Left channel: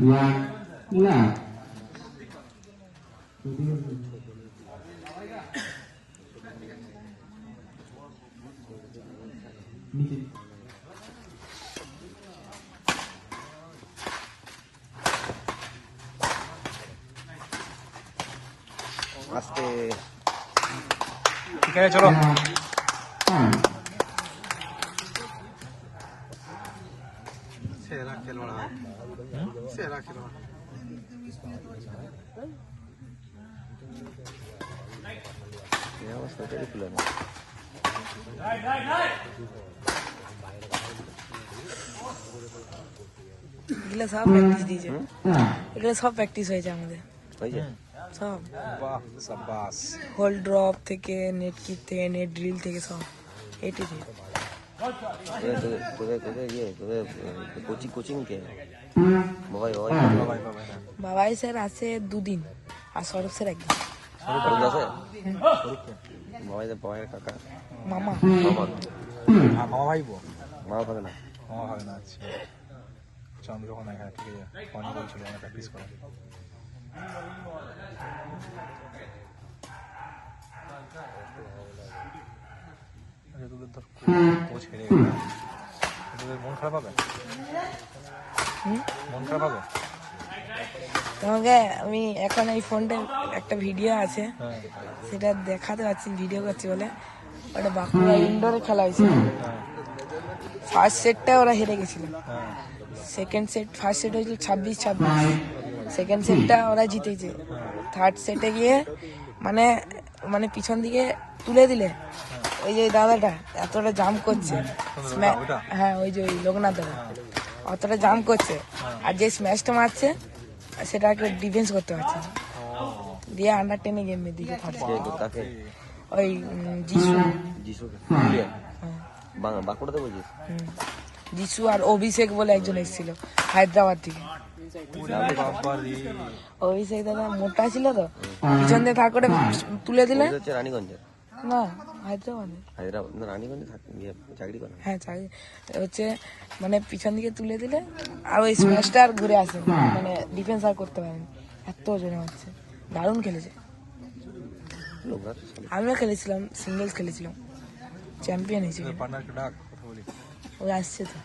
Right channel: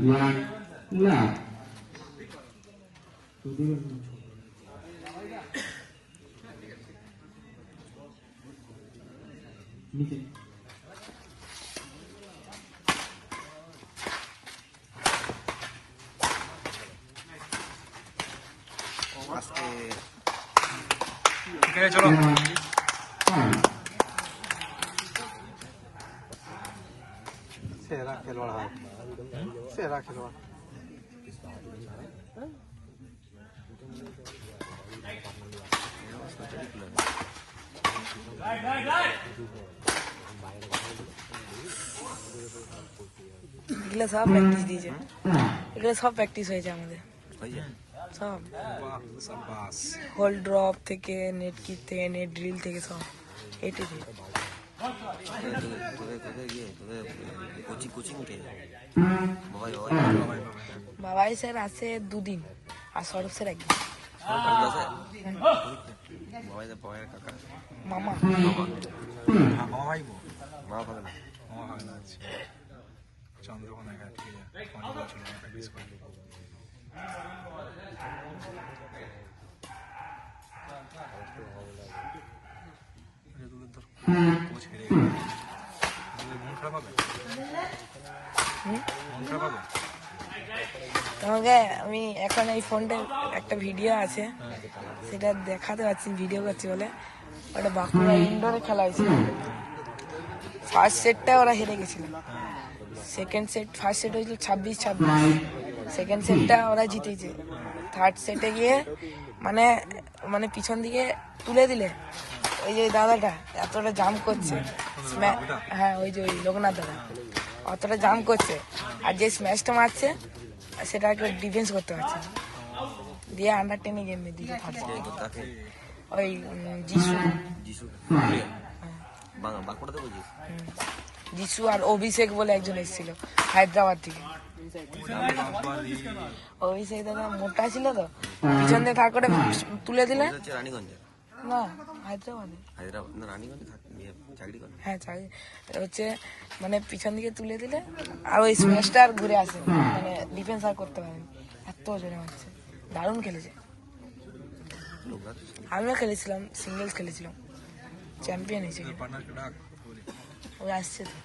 ठीक है चलो सेरा खिलवाड़ा এগুলো সব প্র্যাকটিস দিয়েছে এগুলো সব প্র্যাকটিস হয়েছে আমাদের সব হোল ড্রপ থেকে নেট কিক থেকে নেট ড্রিল থেকে সব এটি থেকে বাবাই স্যার আছে দুদিন আর সৌরভ স্যার একদিন মামা মামা ভাইবো মামা ভাই না আচ্ছা চন্দ্রকোনা হ্যাঁ ঠিক আছে অনেক বলছিল অনেক প্র্যাকটিস করে কোচ হেরে মন খারাপ হবে মন খারাপ হবে তোমাকে আমি এখন এই ফোনটা একটা ভিডিও আছে সেটা দেখাতে পারছি ভিডিও করছি বলে ওটা বাঁকুড়া ইনডোরে খেলা হয়েছিল ফার্স্ট সেটটা ওরা হেরে গেছিল সেকেন্ড সেট ফার্স্ট সেট হয়েছিল 26-26 সেকেন্ড সেটটা ওরা জিতেছে থার্ড সেটে গিয়ে মানে মানে পিছন দিকে তুলে দিলে ওই যে দাদাটা এতটা জাম্প করছে হ্যাঁ ওই যে ওই লোকনাথ দাদা অতটা জাম্প করছে আর যে স্ম্যাশটা মারছে সেটাকে ডিফেন্স করতে পারছে না দিয়ে আন্ডার টেনে গেম দিকে ওই যিশু যিশু আর অভিষেক বলে একজন এসেছিল হায়দ্রাবাদ থেকে অভিষেক দাদা মোটা ছিল তো পিছন দিয়ে থাক করে তুলে দিলে না হায়দ্রাবাদে হ্যাঁ চাকরি হচ্ছে মানে পিছন দিকে তুলে দিলে আর ওই স্ম্যাশটা আর ঘুরে আসেনি মানে ডিফেন্স আর করতে পারেনি এত জনে হচ্ছে দারুণ খেলেছে আমিও খেলেছিলাম সিঙ্গেলস খেলেছিলাম চ্যাম্পিয়ন হয়েছে ওই আসছে তো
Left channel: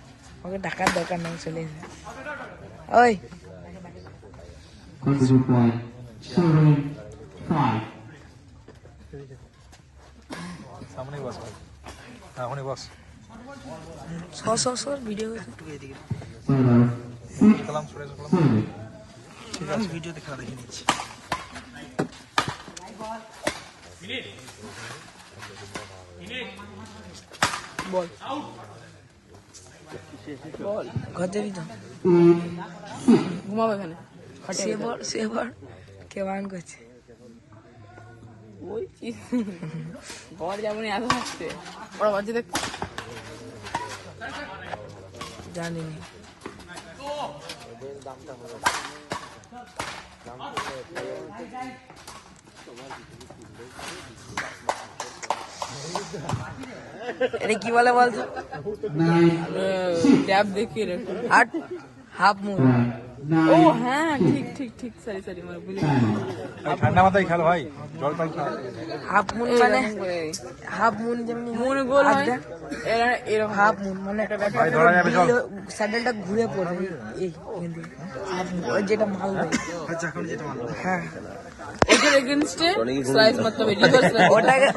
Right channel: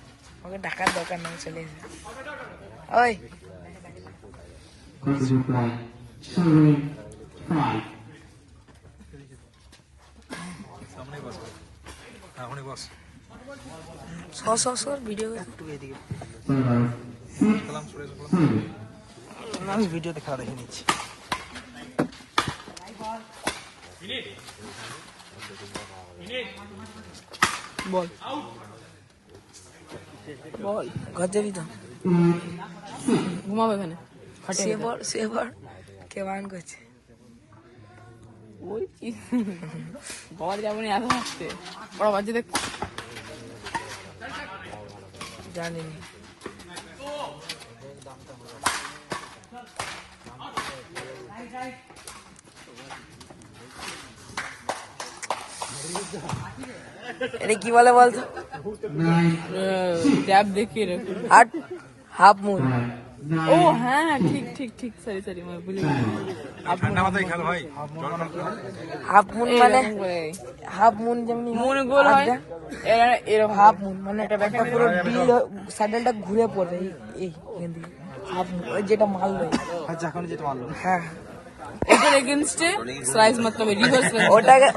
ওকে ডাকার দরকার নেই চলে এসে ওই ভিডিও ভিডিও দেখা দেখে নিচ্ছি বল ঘর যাবি তো সেবার কে বারণ করছে জানিনি এটা কি বলে বলতো ক্যাপ দেখিয়ে রেখো আর হাফ মুন ও হ্যাঁ ঠিক ঠিক সরি ঠান্ডা মাথায় খেলো ভাই হাফ মুন মানে হাফ মুন যেমনি হাফ মুন মানে পুরো ডিল স্যান্ডেলটা ঘুরে পড়বে এই হাফ মুন ওই যেটা মারলো হ্যাঁ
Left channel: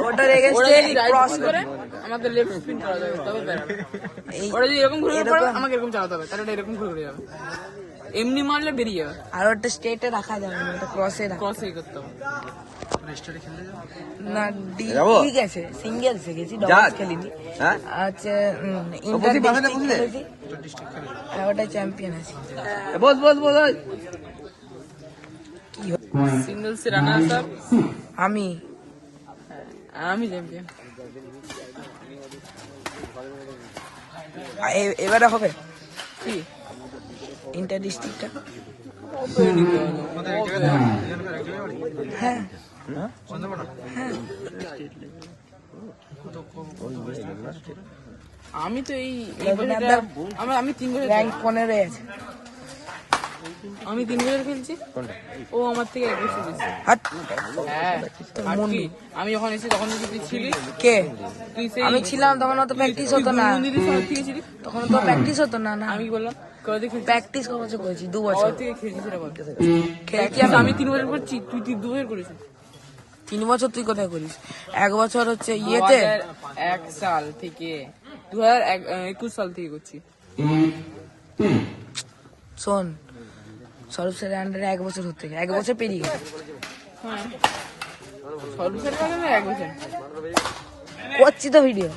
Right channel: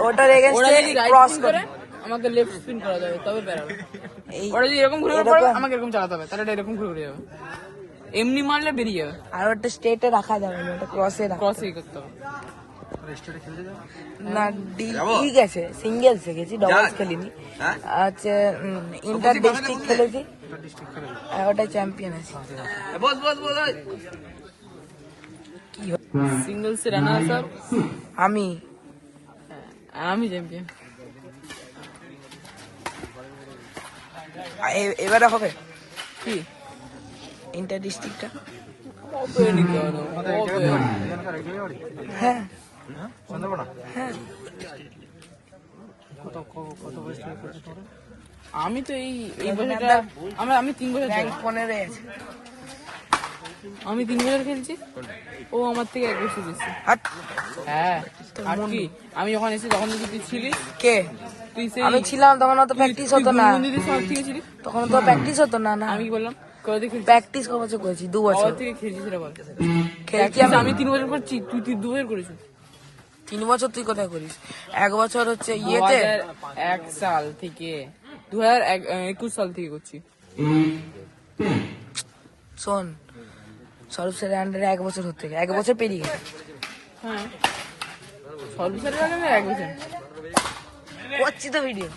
ওটার এগেইনস্টে ক্রস করে আমাদের লেফট স্পিন করা যাবে তবে ওটা যদি এরকম ঘুরে আমাকে এরকম চালাতে হবে তাহলে এরকম ঘুরে যাবে এমনি মারলে বেরিয়ে যাবে আর ওটা স্ট্রেটে রাখা যাবে না ওটা ক্রসে ক্রসই করতে হবে না ঠিক আছে সিঙ্গেলসে গেছি ডবলস খেলিনি আচ্ছা ইন্টার ডিস্ট্রিক্ট খেলেছি ওটা চ্যাম্পিয়ন আছি সিঙ্গেলস এর রানার আপ আমি চ্যাম্পিয়ন এবারে হবে কি ইন্টার ডিস্ট্রিক্টটা হ্যাঁ হ্যাঁ আমি তো এই আমি 3 বছর র্যাঙ্ক 15 আছে আমি 3 বছর খেলছি, ও আমার থেকে 1 বছর বেশি। হাট হ্যাঁ, আর কি? আমি যখন এসেছি তখন দেখি তুই ছিলিস। কে? তুই সেই আমি ছিলাম তখন অত প্র্যাকটিস হতো না, মন্দিরের সব থেকে ছিলিস। তখন তো প্র্যাকটিস হতো না। না আমি কি বললাম, কবে থেকে প্র্যাকটিস ক বছর করেছি? 2 বছর থেকে খেলছিস সেটা বল। খেলছি আমি আমি। 3 বছর করছি, তুই 2 বছর করেছিস। 3 বছর তুই কোথায় করিস? 1 বছর হচ্ছে ইয়েতে। 2001 সাল থেকে 2021 সাল থেকে করছি। শোন, সরব স্যারের আন্ডারে 1 বছর হতে গেছে, 1 বছর পেরিয়ে গেছে। হ্যাঁ, সর্বশেষ 1 বছর করছি তো ভিডিও।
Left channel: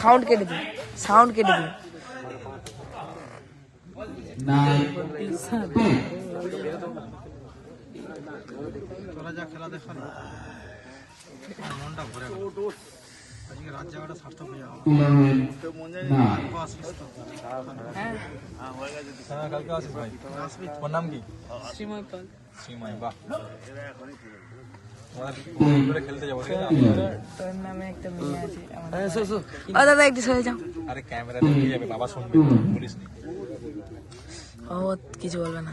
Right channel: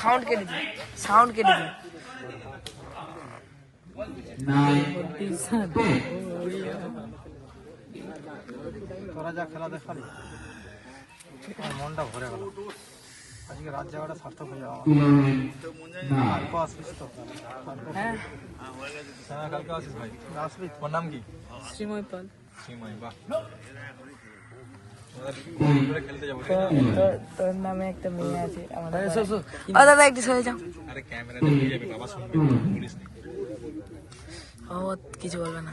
সাউন্ড কেটে দিই, সাউন্ড কেটে দিই। তোরা যা খেলা দেখালি আমার মনটা ভরে গেল। আজকে রাত যাওয়াটা সার্থক হয়ে যাওয়া। কালকে আসিস তো? হ্যাঁ, কালকে আসিস ভাই। আসবি? ওর নাম কি? শ্রীময় পাল। সীমাই, বাহ। খেলতে যাবো। তোর নামে একটা মেয়ে আছে। ও দাদা একটু সরে যাও। আরে ক্যামেরা দেখে যাবে, বাবা শুনবে, বলিস নি। ও কিছু বলবে না।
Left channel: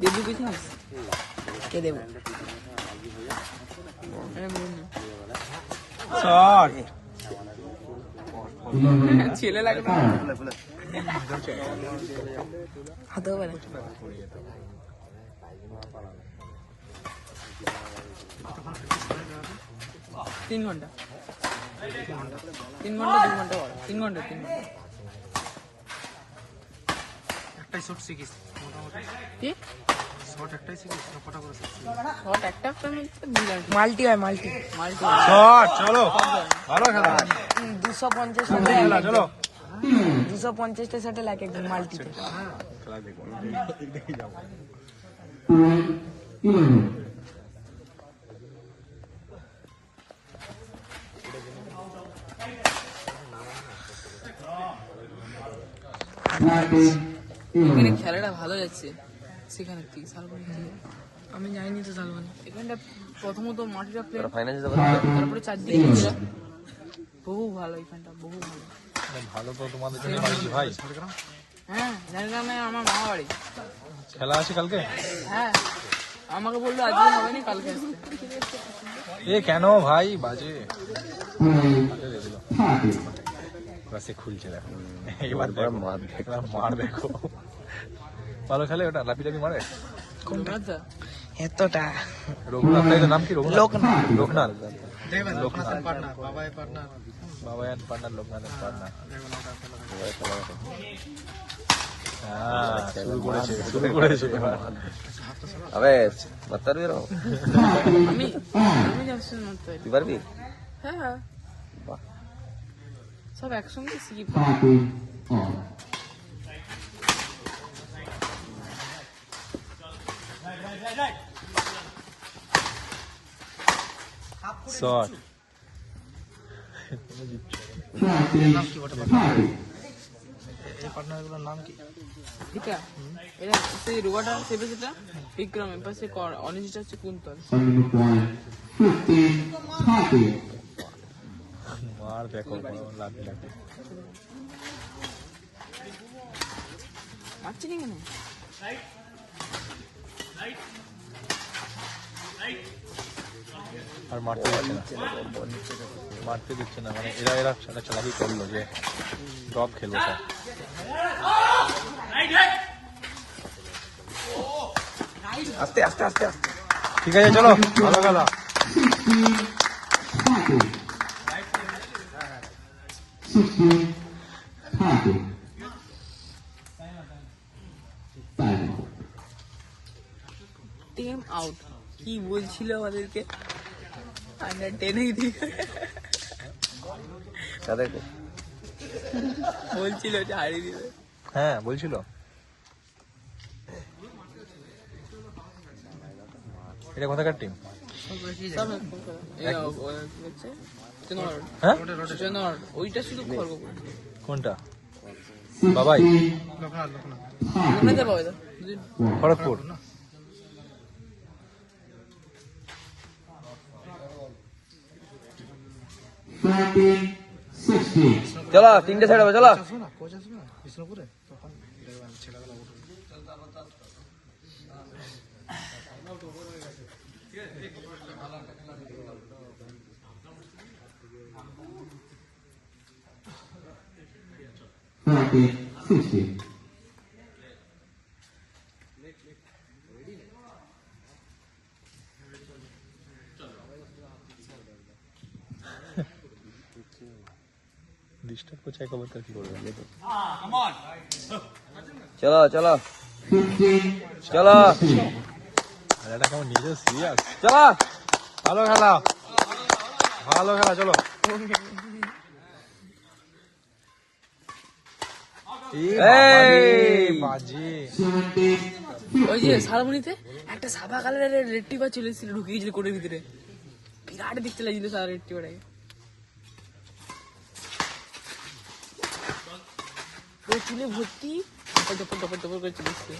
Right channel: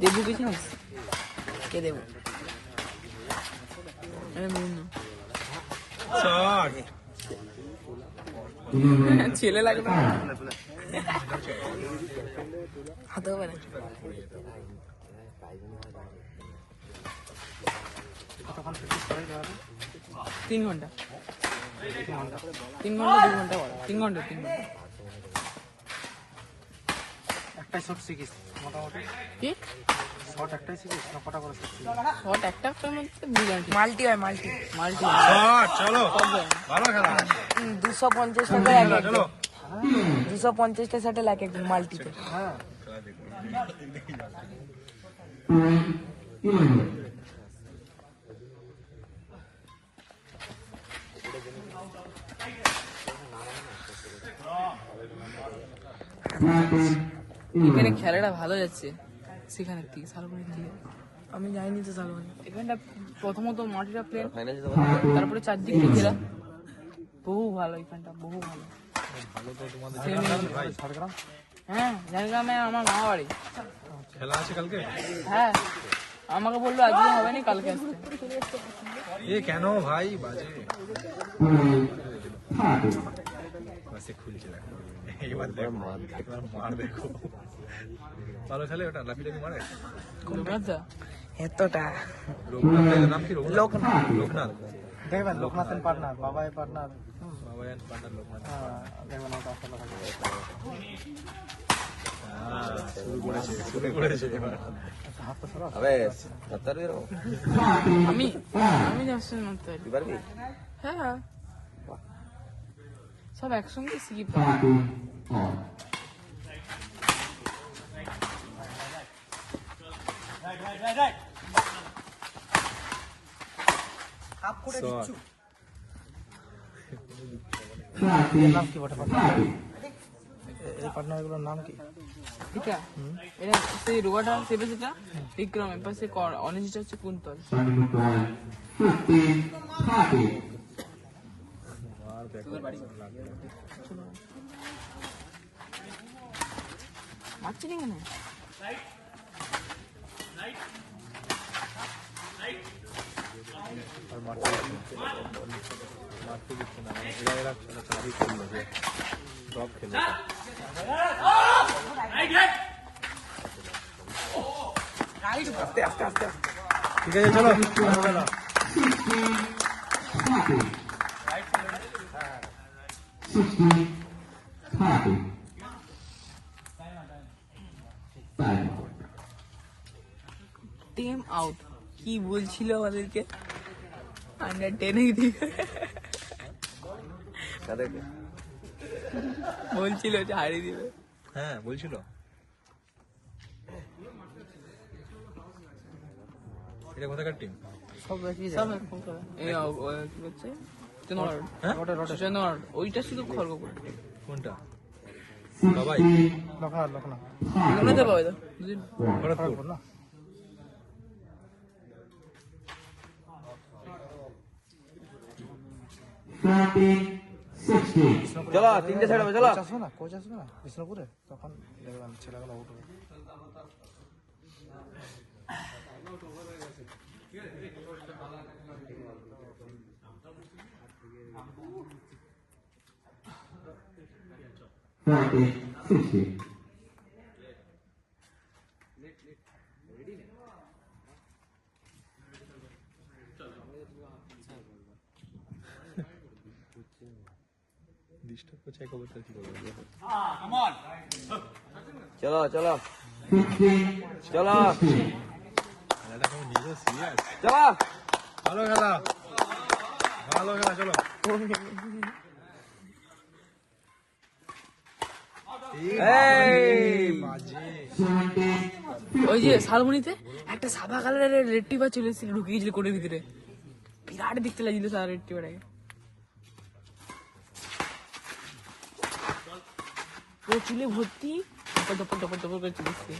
দেবু পেয়েছিস? কে দেবো? ছেলে লাগে হতেও পারে। 3 ঘন্টা। 3 ঘন্টা। একটাই শট শিখিস মোটামুটি? কি শট একটাই শিখিস না কটা করে শিখিস? শট একটা মধ্যে মিলান মাল্টি হয়, মাল্টি। শট চলো, ভালো খেলা। 250 টাকা এক একজন। 250টা শাটে এক একজন মাল্টিতে। হ্যাঁ, খেলা দেখো, দেখি যাবো। এখানে খেলাটা ভালো যাচ্ছে, সেখানে কি আমি যাইনি তো সালমানি। এখানটা প্রথমত মাটিটা প্লেন, তারপরে চারদিকে খেলা বহু ভালো, এখানটা বহু ভালো। ভালো তো তোমাদের জন্য বানাচ্ছি ভাই। ঝাড়গ্রাম? হ্যাঁ, ঝাড়গ্রামে আমার মামা বাড়ি। খেলা আছে কালকে? হ্যাঁ, আমাকে বললো আজকে হবে না, কালকে আসবে। এ কেন ভাই, বাজে বাসে খুলছে না। এবার মার দেখো, ভালো খেলে ওটা, লাফি লাফি মারে। কোনটা? এতটা রঘুনাথ, নাম কি? লোকনাথ। লোকনাথ দেখবেন, লোকনাথের পার্টনার, বাবাই পার্টনার, বাবায়ান পার্টনার, লোকনাথের পার্টনার। হ্যাঁ, শুরু করেছে এবার। আবে বাতার বেরো তুই পারবি? হ্যাঁ, সব একসঙ্গে শিখি। শট। নাম কি বটে এই পার্টনারগুলোর নাম কি? সেই রোগাটা সেটা যেটা বিক্রম, এর পাশে অনিশটা হচ্ছে কুন্তল। মার দেখো, লাফি লাফি। আর মারতে দিচ্ছে না, মারতে দিচ্ছে না, মানে এরা চালাবি করলো যে ড্রপ খেলো সব। আস্তে আস্তে আস্তে। ঠিক আছে, চলো ভালো খেলা। Team out. কি বলছিল আমাদেরকে? আন্ডার 10 তাদেরকে বলছিল যে হারিয়ে দিবে। হ্যাঁ বলছিল। এটা কোথাকার টিম? হ্যাঁ, ওইটা ছিল কোনটা? বাবাই, খড়গপুর। চলো 3টে সাইড হবে, চলো। আসবে না, কোচ আসবে না বিষ্ণুপুরে তখন। দেখবেন ছেলেগুলো উঠবে। ডিস্টার্ব করছে একবার কি করবে চলো চলো চলো আর এটা কেমন নিজে সিরিয়াস চলো ভালো খেলা ভালো খেলা চলো এই বাজি ওই যে শালমনিতে একটা সাদা কালারের রেড টিপার চলে এসেছিল ঢুকে গেছিল কোটের ভিতরে বিরাট দেখতে লাগছিল সাদা রেড টিপারে পুরো চুলে ভর্তি টপর টপর টপর টপর করে চলে এসছে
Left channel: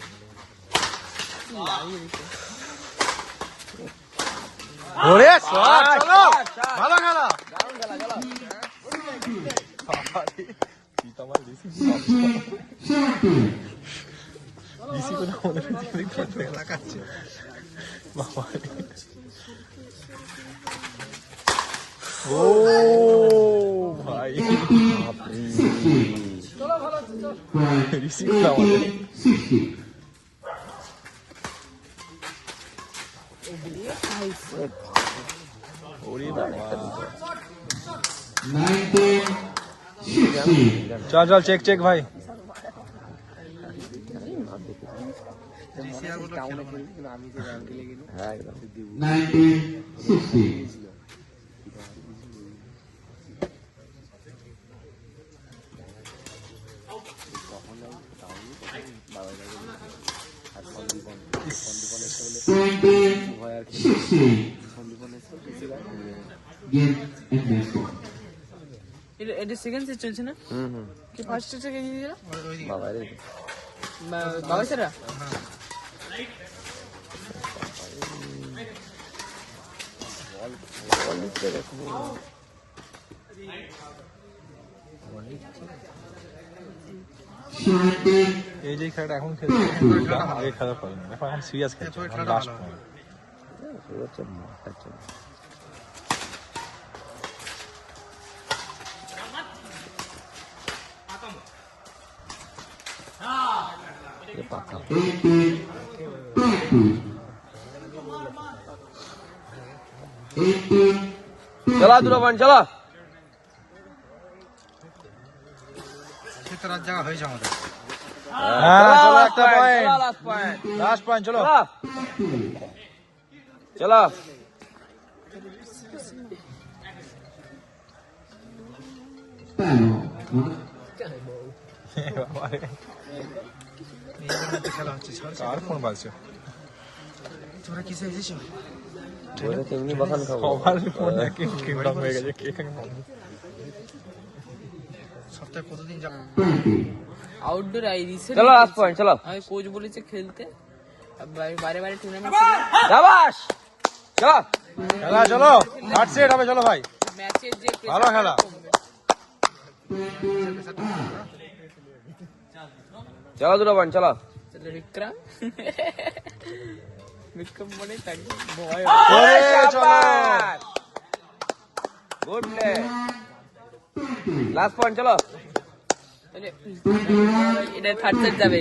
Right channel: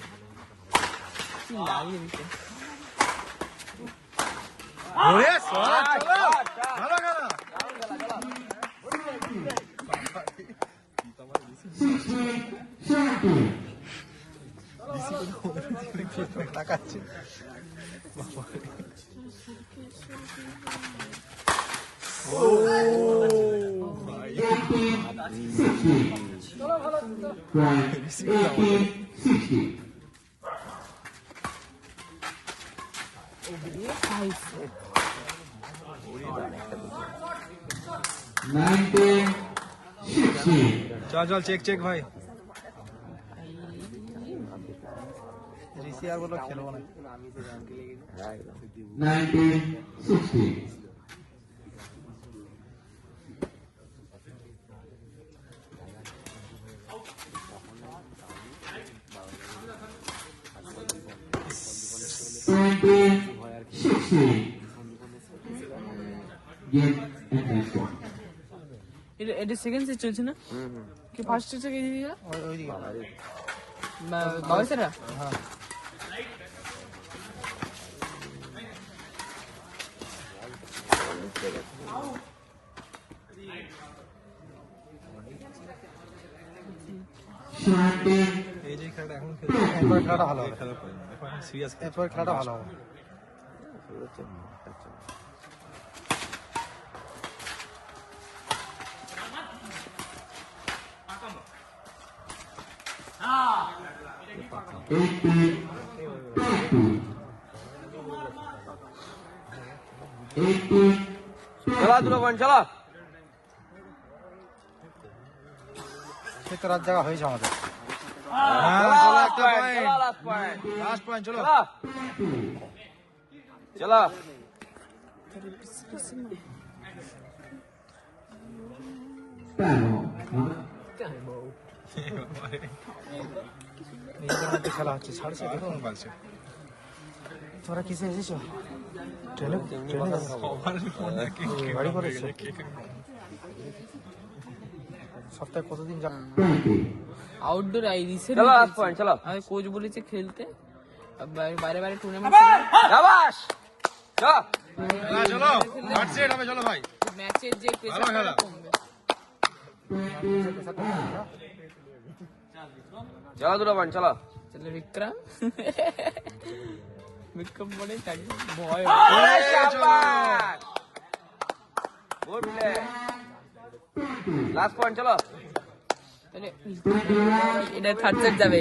কি লাগিয়ে দিচ্ছে ওরে শট চলো ভালো খেলা কি তোমার ডিসি করে মনে হচ্ছে লাগাচ্ছে বাবা ও ভাই রিসিভ चल चल चेक चेक भाई রিসিভার গুলো খেলবো না। হ্যাঁ একদম 1960. এটা সেকেন্ড সেট চলছে না কি ফার্স্ট হচ্ছে কে দিদি ওইদিকে বাবা সেরা হ্যাঁ এই যে খেলাটা এখন খেলছে এরপরে খেলাটা ভালো এই খেলা পারেন দেখো এখন সিরিয়াস খেলছে এরপরে খেলাটা ভালো হবে। চলো দুটো পয়েন্ট চলো সে তো রাত জায়গা হয়েছে আমাদের। হ্যাঁ চলো একটা পয়েন্ট লাস্ট পয়েন্ট চলো চলো এই মধ্যে খেলা হচ্ছে ছাড় আর ফোন বাজছে তোরা কিসে এসেছো? সবার ফোন একই কিংডম হয়ে গেছে কে সপ্তাহে কতদিন যাবো? আউটডোর আই রিসেন্ট চলো লাস্ট পয়েন্ট চলো আমি কোচ বলেছে খেলতে বারে বারে টুর্নামেন্ট শাবাশ চলো খেলা চলো লাস্ট সেট হবে চলো ভাই ম্যাচের যে ভালো খেলা চলো দুটো পয়েন্ট চলো তাহলে বিক্রম বিক্রম বলে থাকবে ভয় চলো গুড প্লে লাস্ট পয়েন্ট চলো তাহলে এটা থার্ড সেট যাবে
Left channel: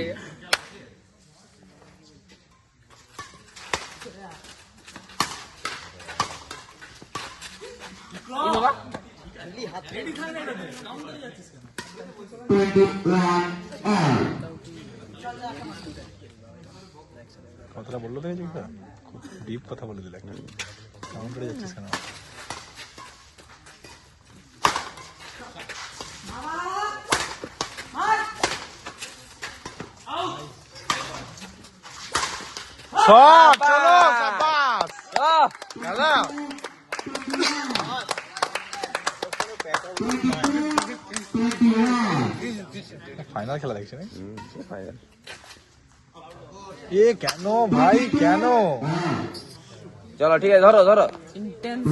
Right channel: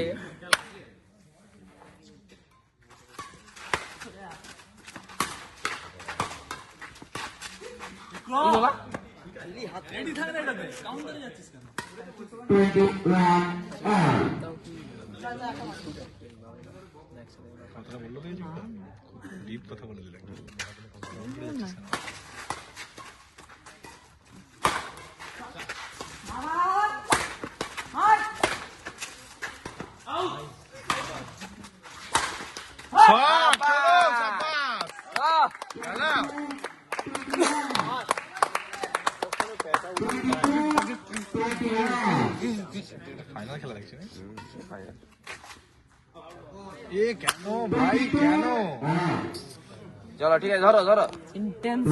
কথাটা বললো দেখেছি ওটা ডিপ কথা বলে দিলে একটা কেমন করে যাচ্ছিস কেন সব চলো সাবাস খেলা ফাইনাল খেলা দেখছি না এ কেন ভাই কেন চলো ঠিক আছে ধরো ধরো ইন্টেন্স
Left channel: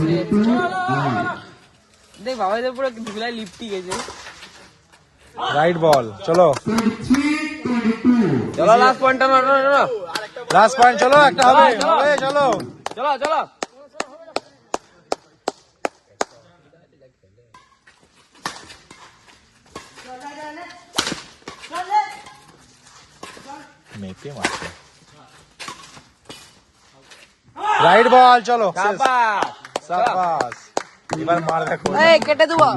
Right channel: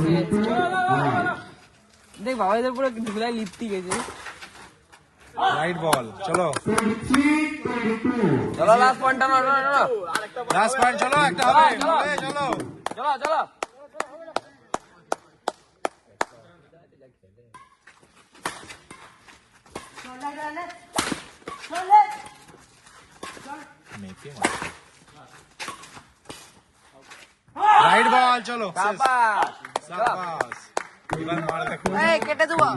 দেখ বাবাদের পুরো ঢুকলে লিপটি গেছে রাইট বল চলো 23-22. চলো লাস্ট পয়েন্টটা মারো চলো লাস্ট পয়েন্ট চলো একটা হবে হবে চলো চলো চলো মেপে মারছে রাইট বল চলো শেষ বাবা সাবাস এবার মার দেখো এই কেটে দেবো